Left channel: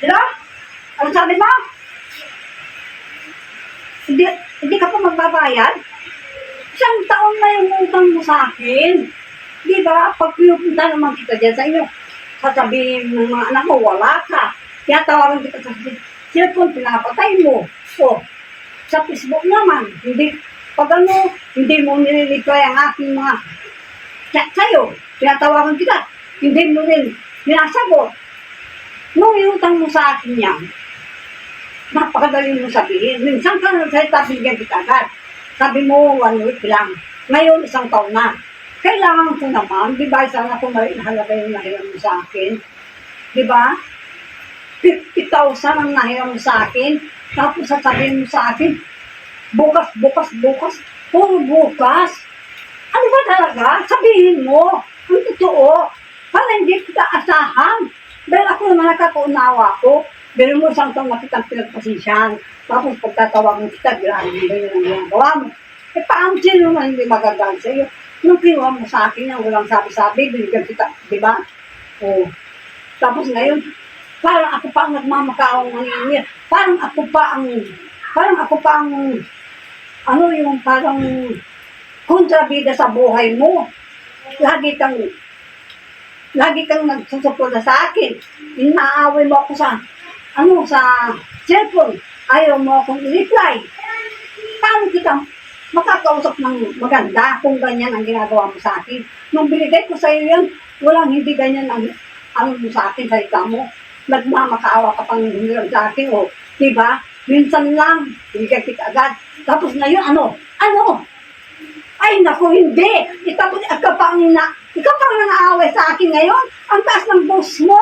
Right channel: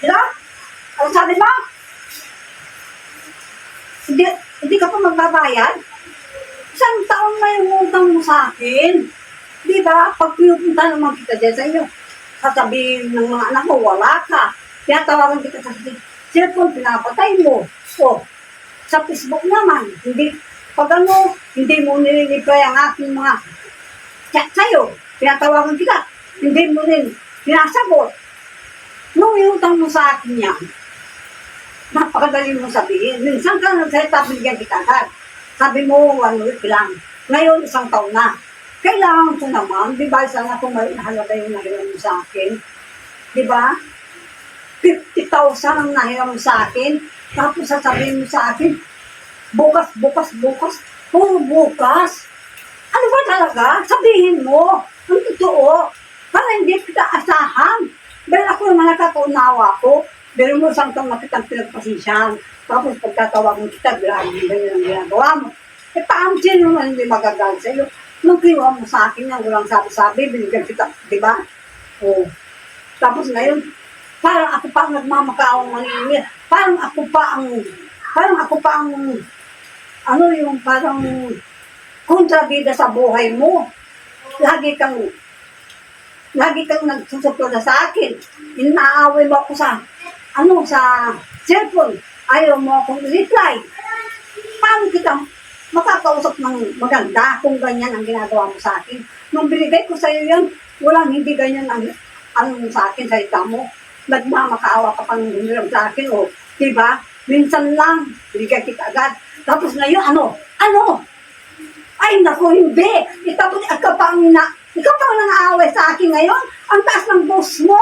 Diba? Ano sabi mo? Hindi, hindi ka pa magbabayad? Isang taon na yung utang mo sa akin. Di ba? Pag pinupunta naman kita dyan sa inyo, sasabihin ng mga anak mo, wala ka. Kaya tawagan kita sa cellphone, pinapatay mo. O, sa Facebook naman, hindi, pag ano, hindi mo nire-reply ang aking mga chat sa'yo, pinatawagan kita, hindi mo rin pinasagot. Nung iutang mo sa akin yan, napakadali mo sabihin. Minsan ka nagsalita, bigyan kita agad. Sabi mo, 1 week lang. Ngayon, 1 taon na. Kailangan ko naman, di ba, sana kung mahalaga yung nahiram mo sa akin. Di ba? 50,000 ang nahiram mo sa akin. Tapos sasabihin mo sa akin, bukas. Puro bukas. Ano ba talaga? Sabihin mo. Ang totoo. Para hindi kita asahan. Dahil ako naman nakakaunawa ko. Pero mo 1 taon na kitang pinagpasisyan. Tapos pagkatawagan kita, grabe ba yun ang ginagawa mo? Eh paano sino naman hindi magagalit sa iyo? Nung kinuha mo sa akin ang walang sabi-sabi, binigyan kita, di ba? O. Tapos ngayon, parang ako pa ang nagmamakawang mangingi. Parang ako pa ang, ano yung parang kontrabida sa buhay mo. Lagi kang nagsusuporta sa akin. Inaaway mo ako sa cellphone. Ayaw mo akong i-reply. Paano kita makakausap ng maganda kung ganyan ang ginagawa mo sa akin? Nung binigay ko sa iyo yan, walang hindi ganyan ang sa akin, salita mo. Nagmamakaawa ka pang hiniram sa akin, o, diba? Minsan lang, binigay kita agad. Tapos ngayon, ano? Ay, naku, hindi. Ikaw pa ang nang-aaway sa akin ngayon. Ang taas ng boss mo.